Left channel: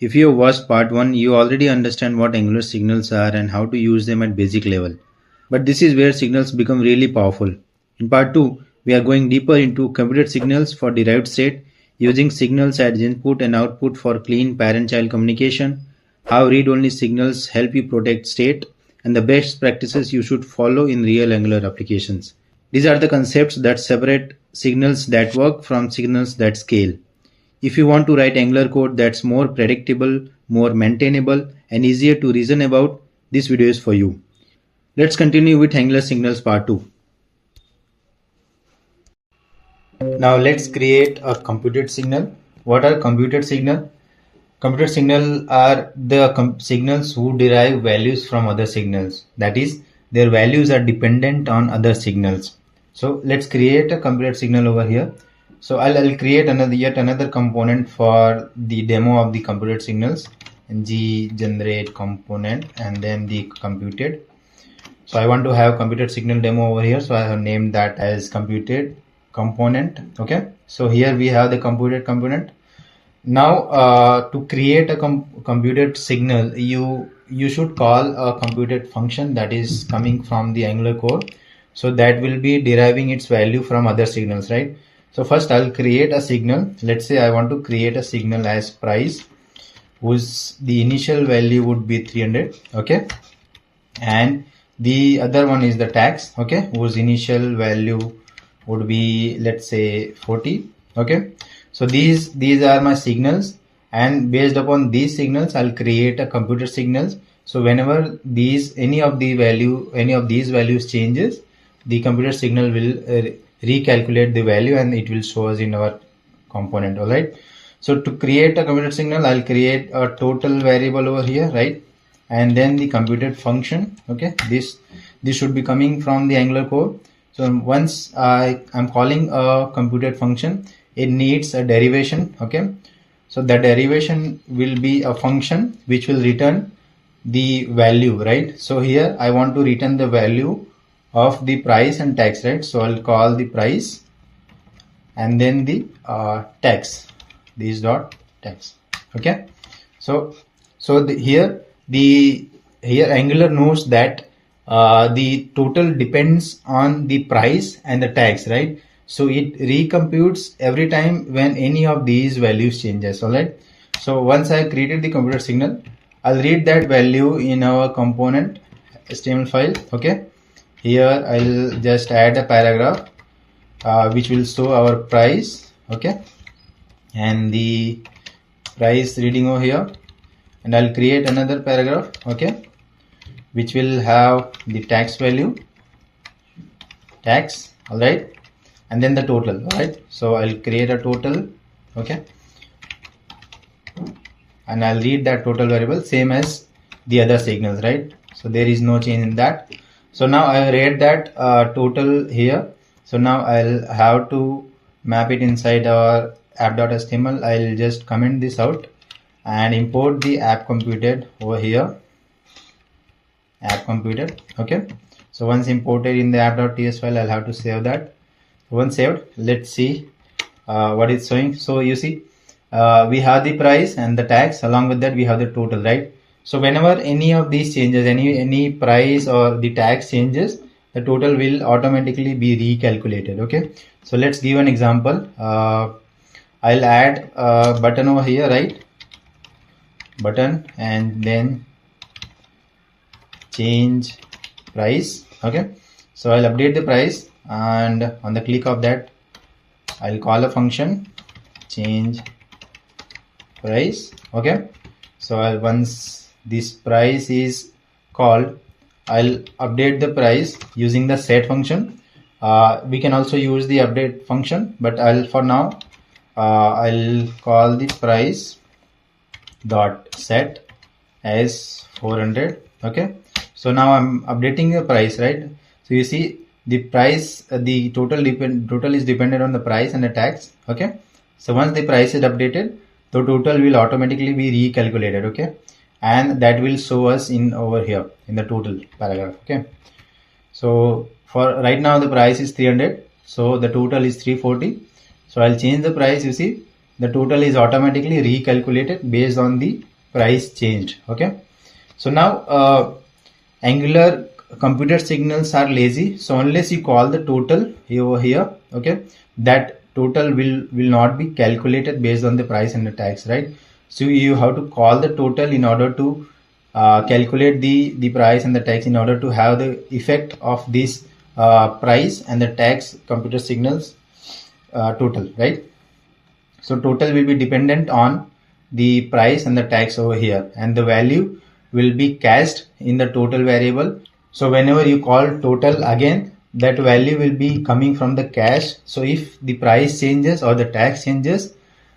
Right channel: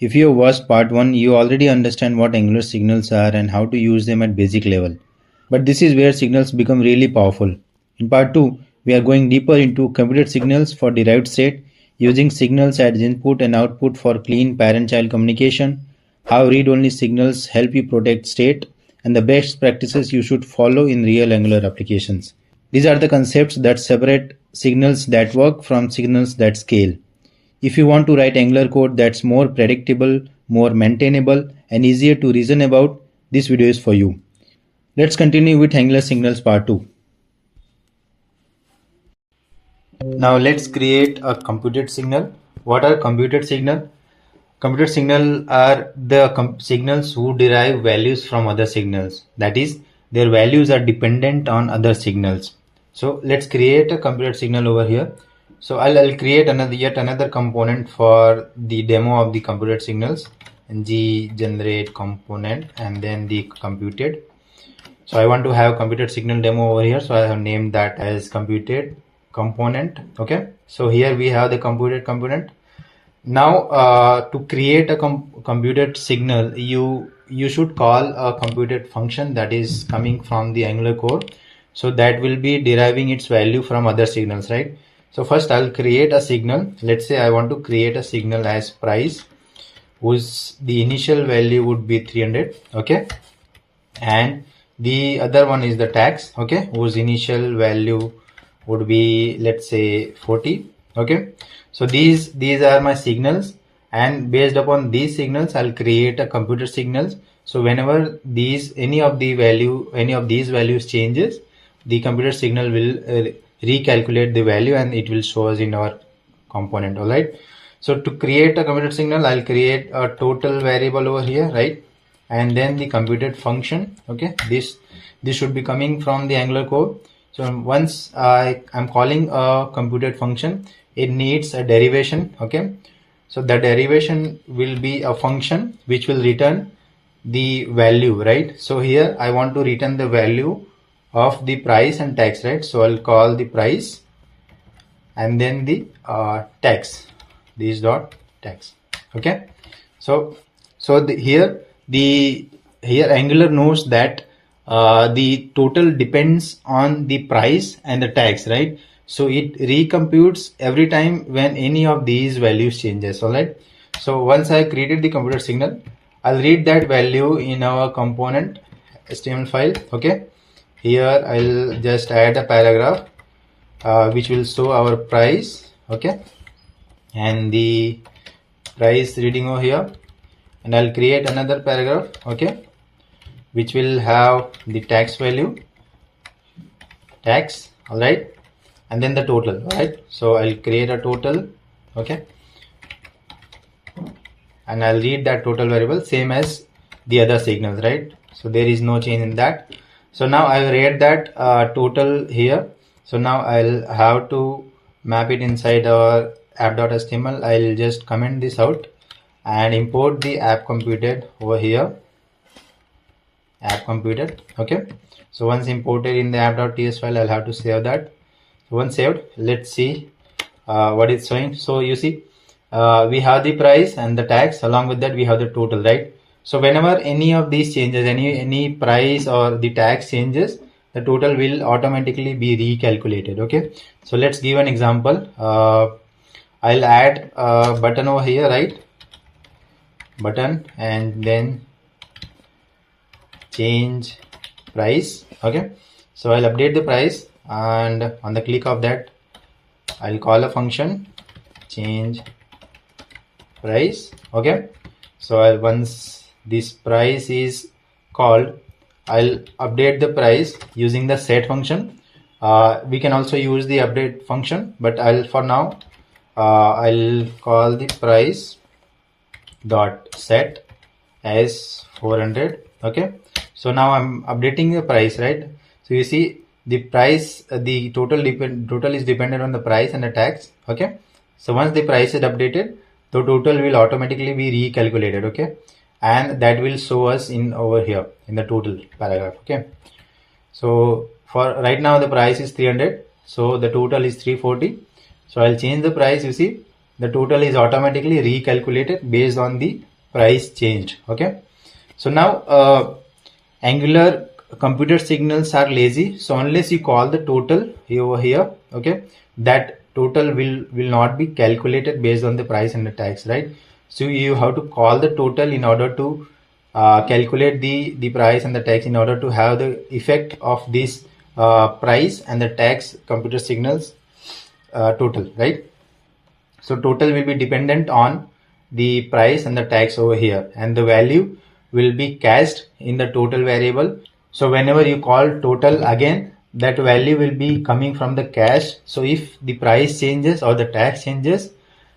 If you have watched part 1, you already understand what Angular signals are and how to use them at basic level. But this is where signals become really powerful. In part 2, we are going deeper into computed signals for derived state, using signals as input and output for clean parent-child communication, how read-only signals help you protect state, and the best practices you should follow in real Angular applications. These are the concepts that separate signals that work from signals that scale. If you want to write Angular code that's more predictable, more maintainable, and easier to reason about, this video is for you. Let's continue with Angular signals part 2. Now let's create a computed signal. What are computed signal? Computed signal are the signals who derive values from other signals. That is, their values are dependent on other signals. So let's create a computed signal over here. So I'll create yet another component for the demo of the computed signals. Ng generate component and then the computed. So I want to have computed signal demo over here. So I have named that as computed component. Okay. So here we have the computed component. Now to create a computed signal, you should call a computed function that is coming from the Angular code. So that will be deriving its value from other signals, right? So first I'll create a signal. Let's say I want to create a signal as price, whose the initial value would be 300. Okay. And the other one is the tax. Okay. Whose initial value would be, let's say 40. Okay. So these are my signals, and based upon these signals, I'll create a computed signals. So whenever any of these values changes, the computed signal will recalculate the value and it will show us in our component. All right. So to create a computed signal, I'll create a total variable over here, right? And then the computed function. Okay. This should be coming from the Angular code. So once I'm calling a computed function, it needs a derivation. Okay. So the derivation will be a function which will return the value, right? So here I want to return the value of the price and tax, right? So I'll call the price and then the tax, this dot tax. Okay. So here Angular knows that the total depends on the price and the tax, right? So it recomputes every time when any of these values changes. All right. So once I created the computed signal, I'll read that value in our component HTML file. Okay. Here I'll just add a paragraph which will show our price. Okay. And the price reading over here, and I'll create another paragraph. Okay. Which will have the tax value, tax. All right. And then the total. All right. So I'll create a total. Okay. And I'll read that total variable same as the other signals, right? So there is no change in that. So now I read that total here. So now I'll have to map it inside our app.html. I'll just comment this out and import the app computed over here. App computed. Okay. So once imported in the app.ts file, I'll have to save that. Once saved, let's see what it's showing. So you see, we have the price and the tax. Along with that, we have the total, right? So whenever any of these changes, any price or the tax changes, the total will automatically be recalculated. Okay. So let's give an example. I'll add a button over here, right? Button, and then change price. Okay. So I'll update the price, and on the click of that, I'll call a function change price. Okay. So once this price is called, I'll update the price using the set function. We can also use the update function, but for now I'll call the price dot set as 400. Okay. So now I'm updating the price, right? So you see the price, the total is dependent on the price and the tax. Okay. So once the price is updated, the total will automatically be recalculated. Okay. And that will show us in over here in the total paragraph. Okay. So for right now the price is 300. So the total is 340. So I'll change the price. You see the total is automatically recalculated based on the price changed. Okay, so now Angular computed signals are lazy, so unless you call the total over here, okay, that total will not be calculated based on the price and the tax, right? So you have to call the total in order to calculate the price and the tax, in order to have the effect of this price and the tax computer signals total, right? So total will be dependent on the price and the tax over here, and the value will be cached in the total variable. So whenever you call total again, that value will be coming from the cache. So if the price changes or the tax changes,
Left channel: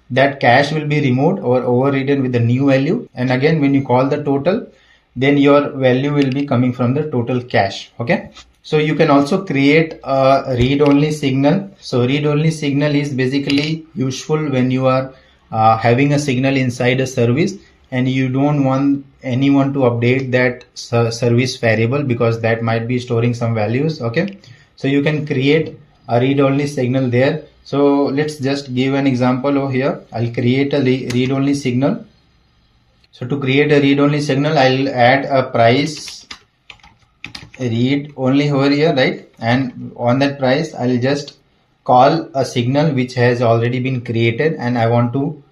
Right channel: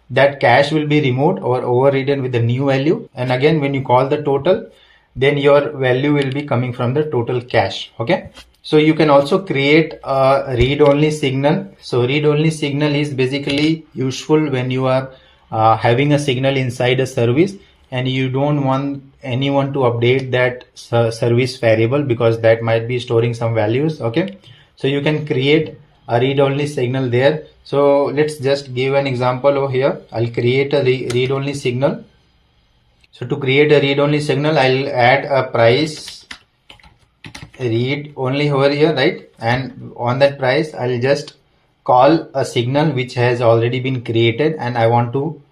that cache will be removed or overridden with the new value. And again, when you call the total, then your value will be coming from the total cache. Okay. So you can also create a read-only signal. So read-only signal is basically useful when you are having a signal inside a service and you don't want anyone to update that service variable, because that might be storing some values. Okay, so you can create a read-only signal there. So let's just give an example over here. I'll create a read-only signal. So to create a read-only signal, I'll add a price read only over here, right? And on that price, I'll just call a signal which has already been created, and I want to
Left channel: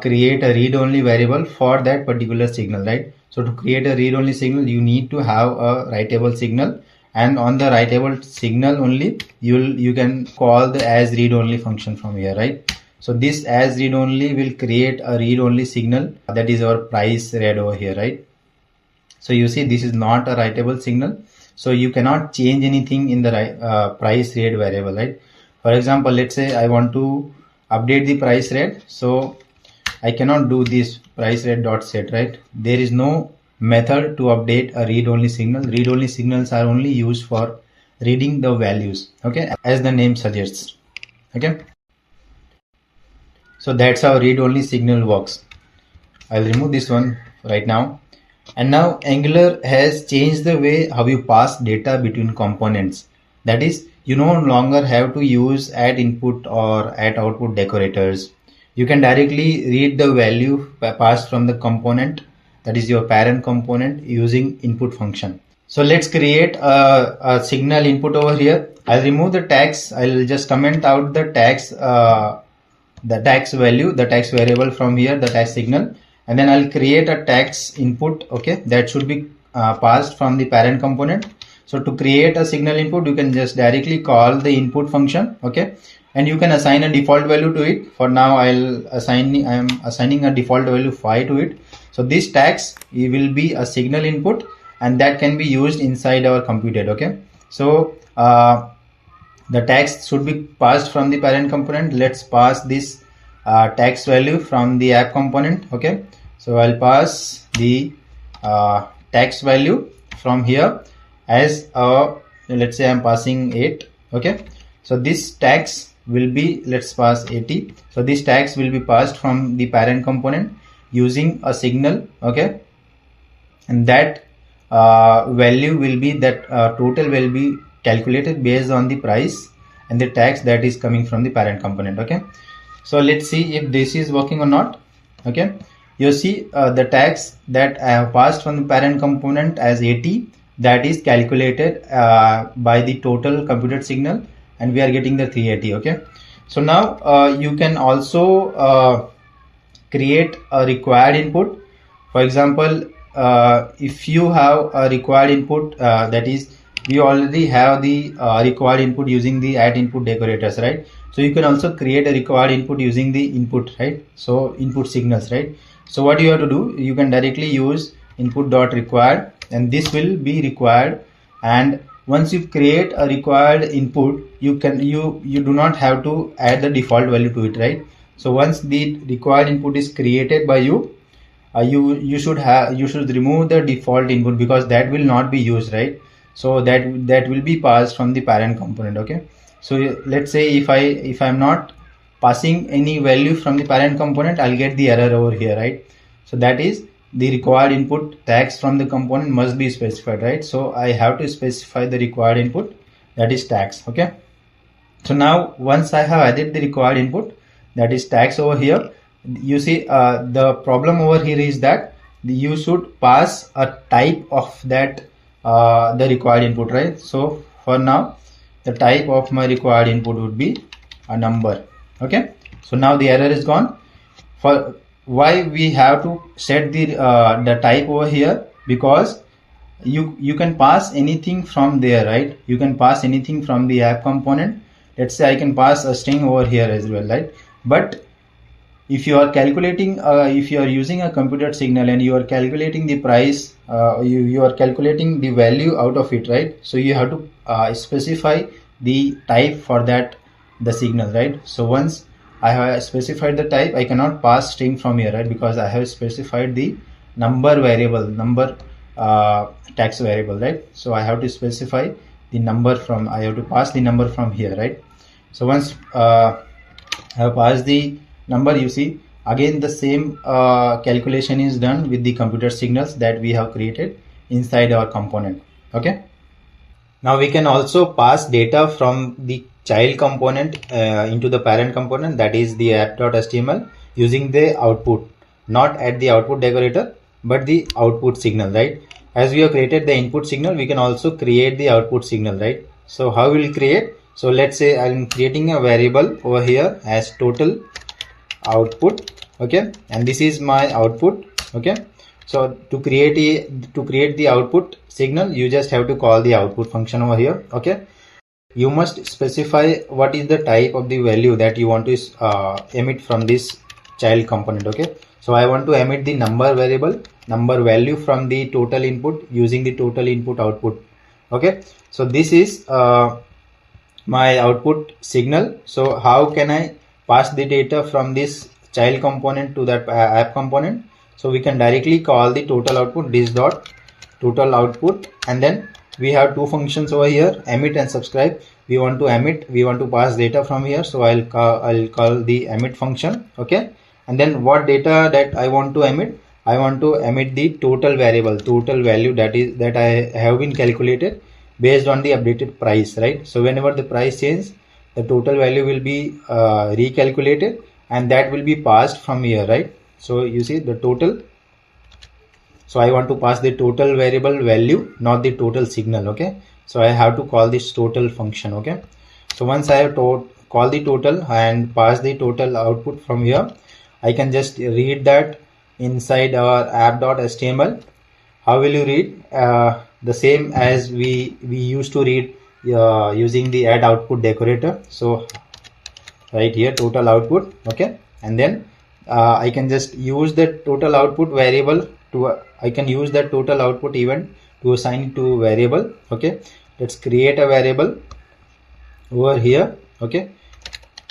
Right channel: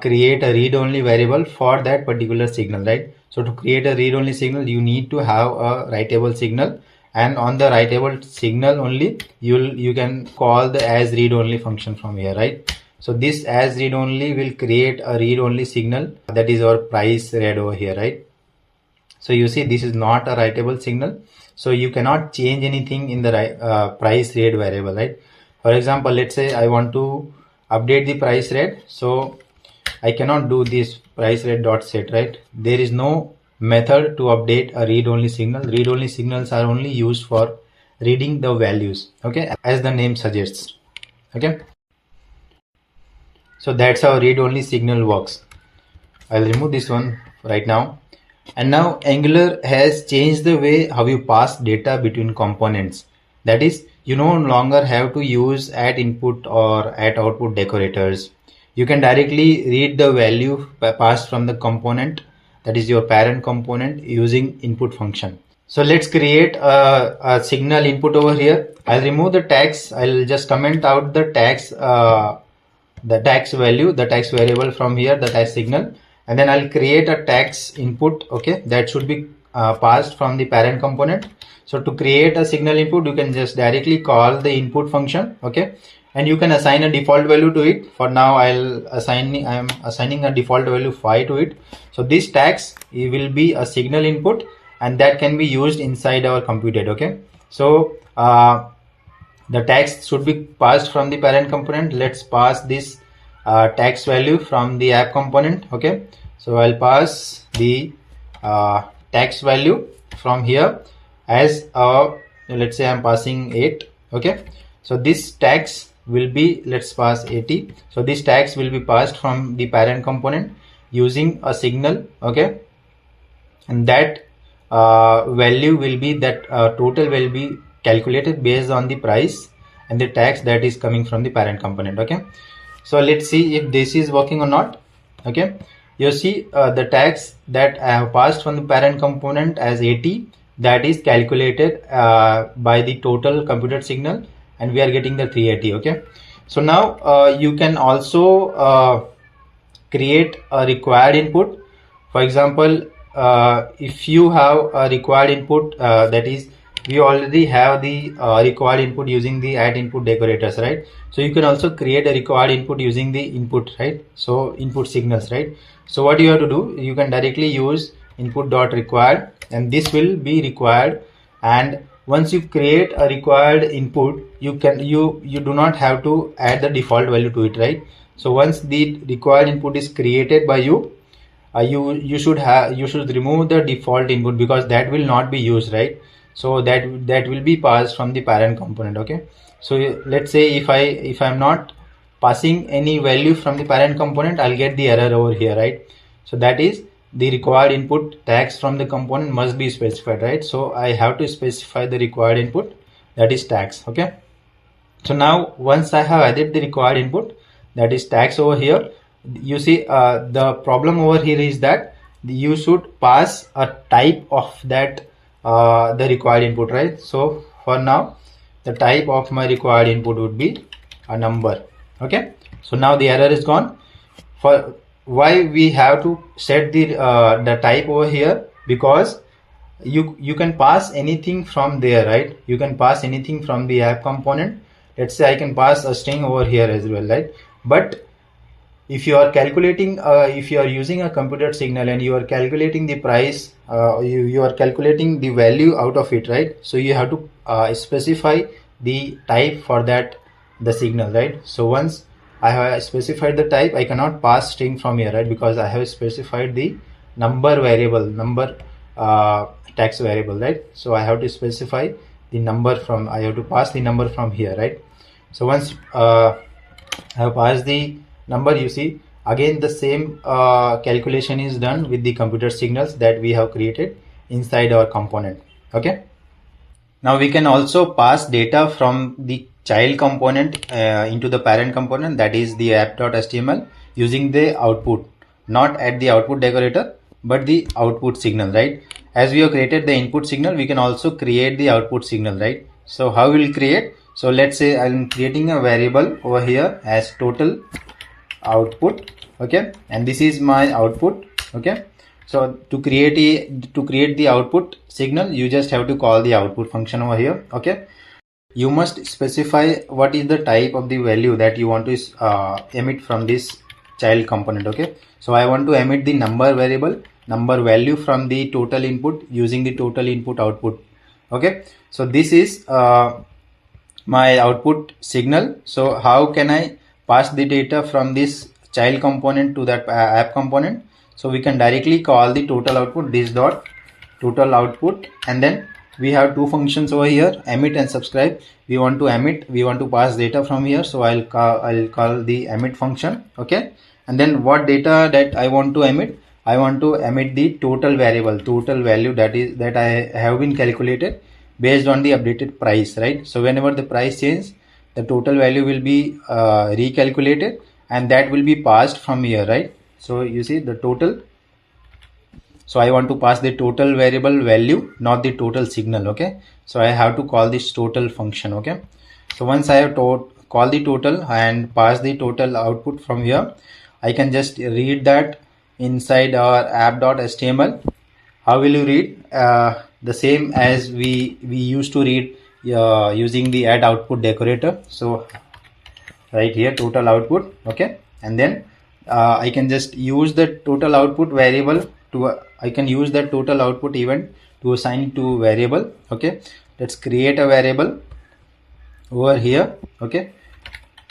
create a read-only variable for that particular signal, right? So to create a read-only signal, you need to have a writable signal, and on the writable signal only you can call the asReadOnly function from here, right? So this asReadOnly will create a read-only signal, that is our price read over here, right? So you see, this is not a writable signal, so you cannot change anything in the price read variable, right? For example, let's say I want to update the price read, so I cannot do this price read dot set, right? There is no method to update a read-only signal. Read-only signals are only used for reading the values, okay, as the name suggests. Okay, so that's how read-only signal works. I'll remove this one right now. And now Angular has changed the way how you pass data between components. That is, you no longer have to use at input or at output decorators. You can directly read the value passed from the component, that is your parent component, using input function. So let's create a signal input over here. I'll remove the tags. I'll just comment out the tags, the tags value, the tags variable from here, the tags signal. And then I'll create a tags input, okay, that should be passed from the parent component. So to create a signal input, you can just directly call the input function, okay, and you can assign a default value to it. For now, I'm assigning a default value 5 to it. So this tags will be a signal input, and that can be used inside our computed. Okay, so the tags should be passed from the parent component. Let's pass this tags value from the app component. Okay, so I'll pass the tags value from here as let's say I'm passing 8. Okay, so this tags will be, let's pass 80. So this tags will be passed from the parent component using a signal. Okay, and that value will be, that total will be calculated based on the price and the tax that is coming from the parent component. Okay, so let's see if this is working or not. Okay, you see the tax that I have passed from the parent component as 80, that is calculated by the total computed signal, and we are getting the 380. Okay, so now you can also create a required input. For example, if you have a required input, that is, we already have the required input using the at input decorators, right? So you can also create a required input using the input, right? So input signals, right? So what you have to do, you can directly use input dot required, and this will be required. And once you create a required input, you do not have to add the default value to it, right? So once the required input is created by you, you should remove the default input, because that will not be used, right? So that will be passed from the parent component. Okay, so let's say if I'm not passing any value from the parent component, I'll get the error over here, right? So that is, the required input tags from the component must be specified, right? So I have to specify the required input, that is tags. Okay, so now once I have added the required input, that is tags over here, you see the problem over here is that you should pass a type of that the required input, right? So for now the type of my required input would be a number. Okay, so now the error is gone. For why we have to set the type over here? Because you can pass anything from there, right? You can pass anything from the app component. Let's say I can pass a string over here as well, right? But if you are calculating, if you are using a computed signal and you are calculating the price, you are calculating the value out of it, right? So you have to specify the type for that, the signal, right? So once I have specified the type, I cannot pass string from here, right? Because I have specified the number variable, number text variable, right? So I have to specify the number from, I have to pass the number from here, right? So once I have passed the number, you see again the same calculation is done with the computer signals that we have created inside our component. Okay, now we can also pass data from the child component into the parent component, that is the app.html, using the output, not at the output decorator but the output signal, right? As we have created the input signal, we can also create the output signal, right? So how we will create? So let's say I'm creating a variable over here as total output. Okay, and this is my output. Okay, so to create the output signal, you just have to call the output function over here. Okay, you must specify what is the type of the value that you want to emit from this child component. Okay, so I want to emit the number variable, number value from the total input using the total input output. Okay, so this is my output signal. So how can I pass the data from this child component to that app component? So we can directly call the total output, this dot total output, and then we have two functions over here, emit and subscribe. We want to emit, we want to pass data from here, so I'll call the emit function. Okay, and then what data that I want to emit? I want to emit the total variable, total value that I have been calculated based on the updated price, right? So whenever the price changes, the total value will be recalculated and that will be passed from here, right? So you see the total. So I want to pass the total variable value, not the total signal. Okay, so I have to call this total function. Okay, so once I have call the total and pass the total output from here, I can just read that inside our app.html. How will you read? The same as we used to read using the add output decorator. So right here, total output. Okay, and then I can just use the total output variable to I can use that total output event to assign to variable. Okay, let's create a variable over here. Okay,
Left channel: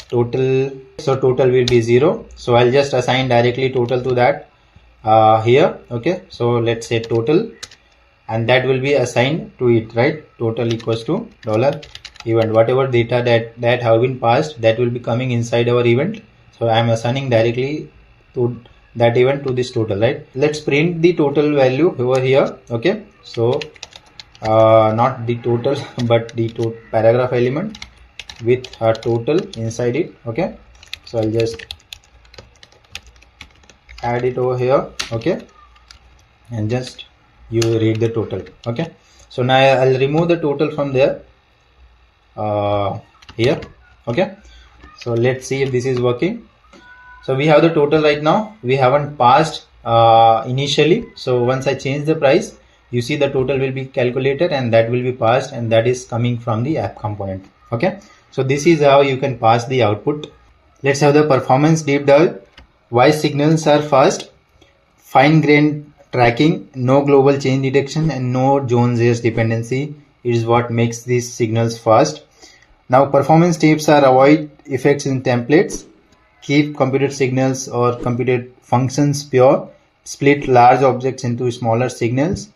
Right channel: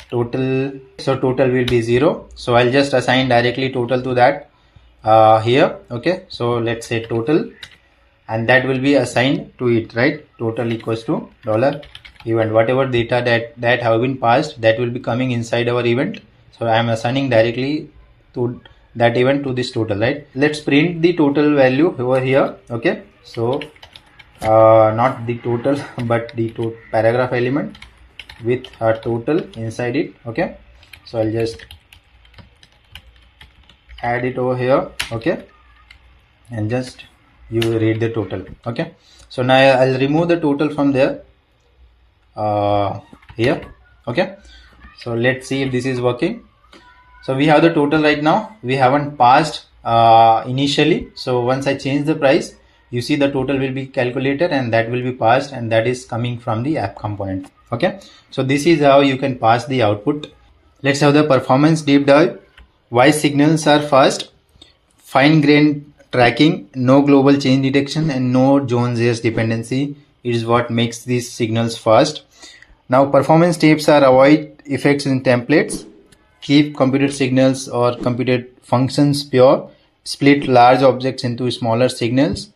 total. So total will be 0. So I'll just assign directly total to that here. Okay, so let's say total, and that will be assigned to it, right? Total equals to $event. Whatever data that have been passed, that will be coming inside our event. So I am assigning directly to that event to this total, right? Let's print the total value over here. Okay, so not the total but the paragraph element with a total inside it. Okay, so I'll just add it over here. Okay, and just you read the total. Okay, so now I'll remove the total from there here. Okay, so let's see if this is working. So we have the total right now. We haven't passed initially. So once I change the price, you see the total will be calculated and that will be passed, and that is coming from the app component. Okay, so this is how you can pass the output. Let's have the performance deep dive. Why signals are fast? Fine-grained tracking, no global change detection, and no Jones-Hayes dependency is what makes these signals fast. Now performance tips are: avoid effects in templates, keep computed signals or computed functions pure, split large objects into smaller signals,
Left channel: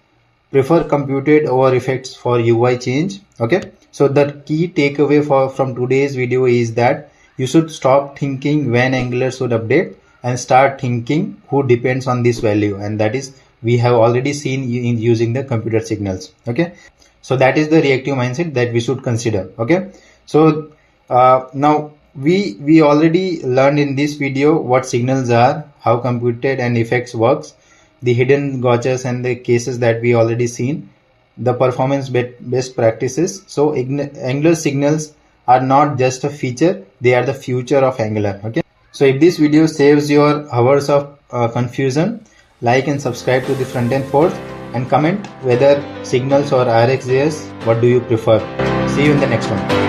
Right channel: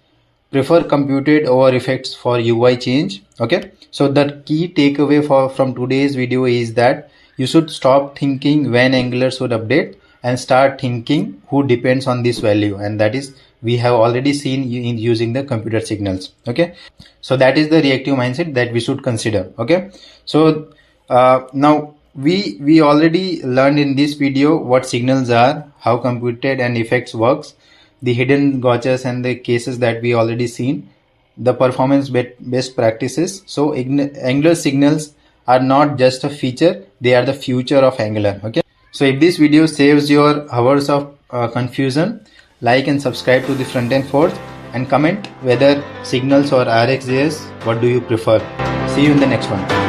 prefer computed over effects for UI change. Okay, so the key takeaway from today's video is that you should stop thinking when Angular should update and start thinking who depends on this value, and that is we have already seen in using the computer signals. Okay, so that is the reactive mindset that we should consider. Okay, so now we already learned in this video what signals are, how computed and effects works. the hidden gotchas and the cases that we already seen, the performance best practices. So Angular signals are not just a feature, they are the future of Angular. Okay. So if this video saves your hours of confusion, like and subscribe to the Frontend Force and comment whether signals or RxJS, what do you prefer. See you in the next one.